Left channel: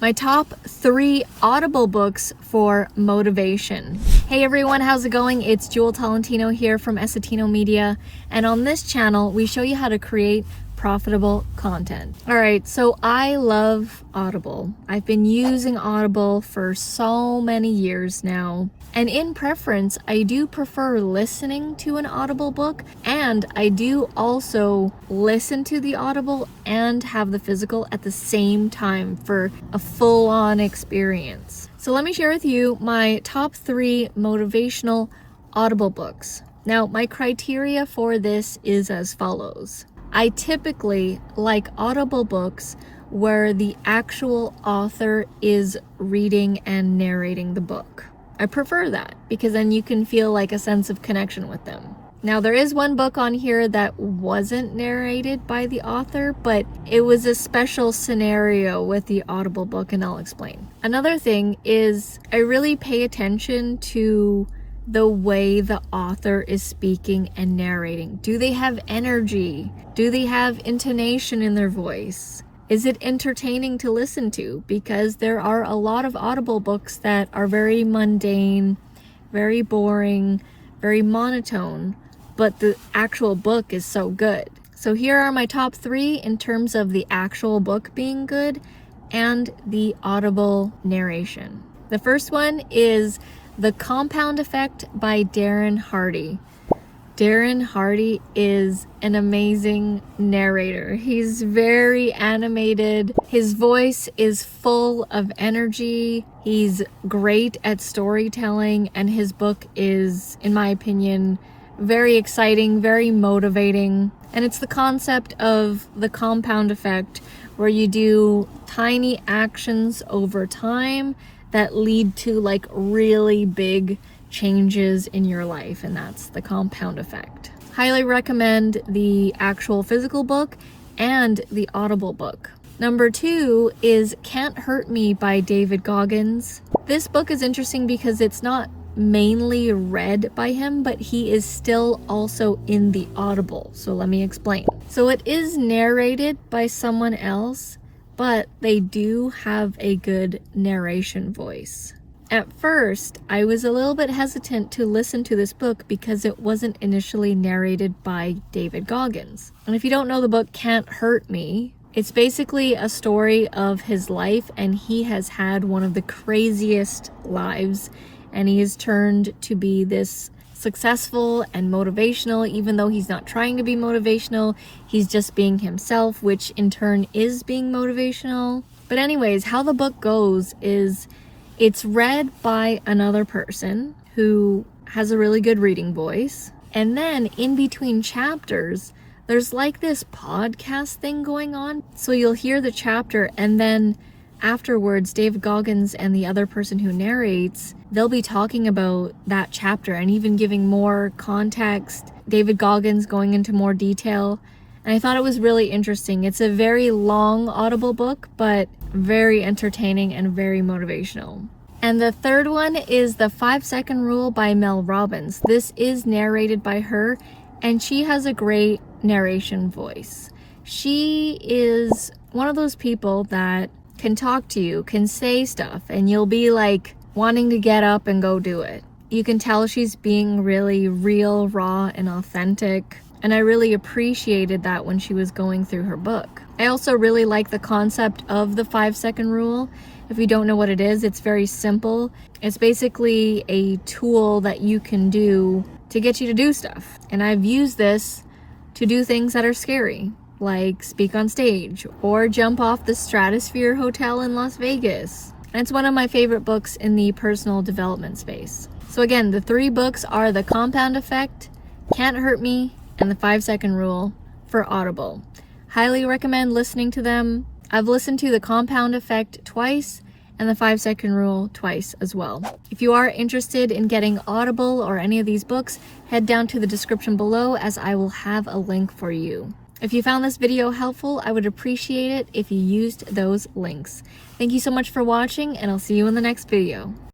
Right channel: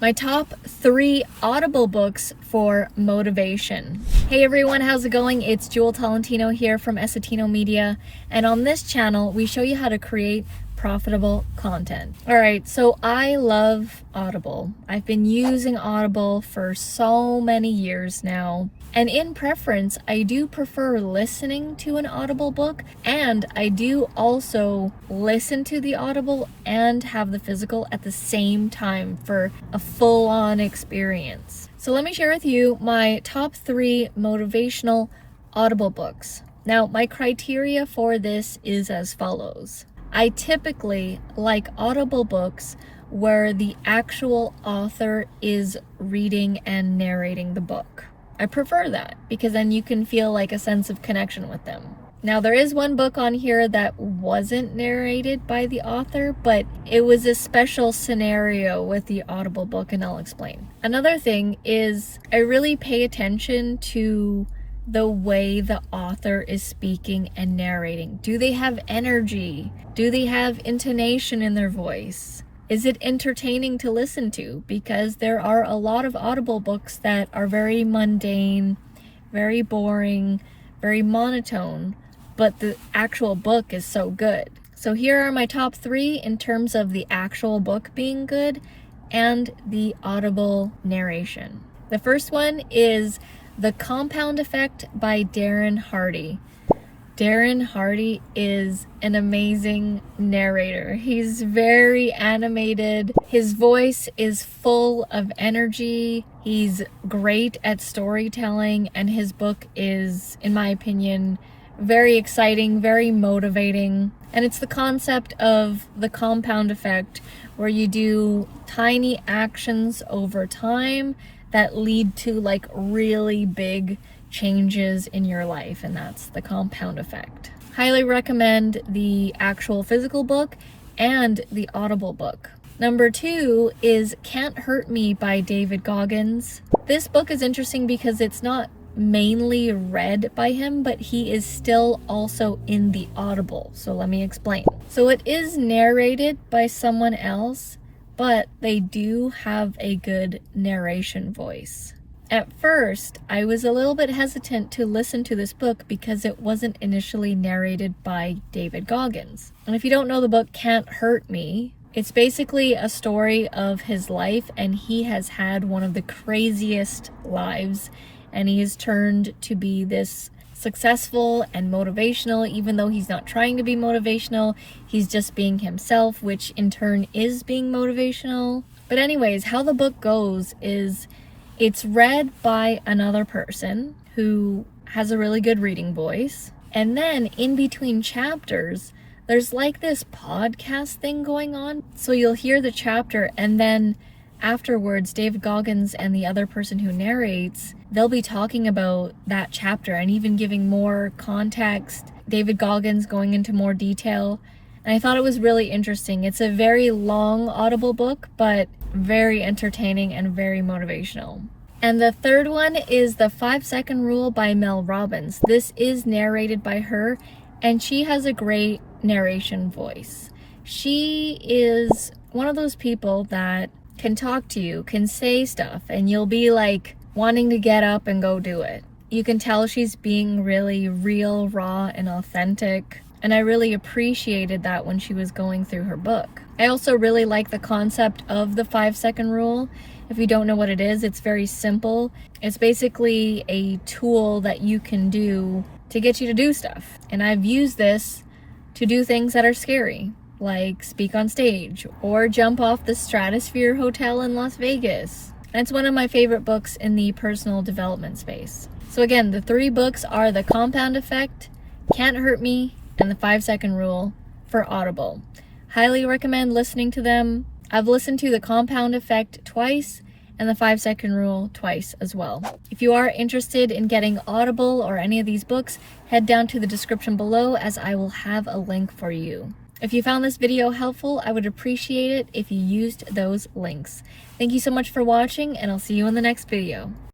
My top 3 Audible books for motivation. Hey everyone, how's it going? It's Jewel Tolentino here from Essetino Media, and on this channel we show you how to create profitable content. Alright, so I love Audible. I've been using Audible for so many years now. And in preference, I do prefer listening to an Audible book, and I do also listen to the Audible and have the physical at the same time for a full-on experience. So let me share with you my top 3 motivational Audible books. Now, my criteria for this is as follows. I typically like Audible books where the actual author is reading and narrating the book. I prefer that because then you can feel like a sense of connection with them. Now, there is one book on here that wasn't narrated by the author, but it was a special scenario with the Audible book, and I'll explain. Another thing is I really pay attention to the way the author is speaking and narrating. Do they have energy? Do they have intonation in their voice? Is it entertaining to listen to? Because there are a lot of Audible books that are very mundane, very boring, very monotone, but the actual book is so good. So here are my top 3 in terms of the actual book being good and the Audible narration. The first one is The Compound Effect by Darren Hardy. Darren Hardy is an amazing narrator. He's very animated. His voice is full of energy. He's great at storytelling, and his book is, in my opinion, very exciting, very motivating. And it's the concept of the compound effect, where you do tiny actions over time that lead to like really big changes in your life, and that's the compound effect. Highly recommend the actual physical book and the Audible book. Number 2 is Can't Hurt Me by David Goggins. This book is interesting because it's not mainly read by him, but he is still also in the Audible. So let me explain. So it is narrated by someone else, but they do have a good narration voice. At first, I was a little bit hesitant to listen to this book because it wasn't initially narrated by David Goggins. And if you don't know the book Can't Hurt Me, it's basically a story of his life, and he has had one of the craziest lives, and he is turned to be this successful and motivational. Even though he's not trying to be motivational, he's just being himself, which in turn is being motivational. But anyways, how the book goes is it's read by another person who has a really good reading voice. And then in between chapters, there's like this podcast thing going on. So you'll hear the chapter, and then afterwards, David Goggins and the other person who narrates, they'll be talking about that chapter and even giving more context. David Goggins going into more detail. And I thought it was really interesting. It's a very long Audible book, but very entertaining and very motivational. And the third one is The 5-Second Rule by Mel Robbins. This is narrated by her, and she has a great narration voice. She is one of those people that can talk to you, can say stuff, and you'll be like wanting to get up and go do it. You can tell she's being really real, raw, and authentic. And I really appreciated that when she was going through her book. I also really like the concept of the 5-second rule. If you don't know what it is, it's very simple. It's basically a tool that you can do to get you to do stuff. And I've used this to do things that are scary, like speak on stage or jump off the Stratosphere Hotel in Las Vegas. And it's one of my favorite books in the personal development space. So again, the 3 books are The Compound Effect, Can't Hurt Me, and The 5-Second Rule for Audible. Highly recommend listening to them. I've listened to The Compound Effect twice and The 5-Second Rule twice as well. If you are interested in getting Audible or any of these books, head down to the description below, as I will have a link for you. If you found this video helpful, I would appreciate it if you used those links. Thank you so much for watching, and I'll see you in the next video.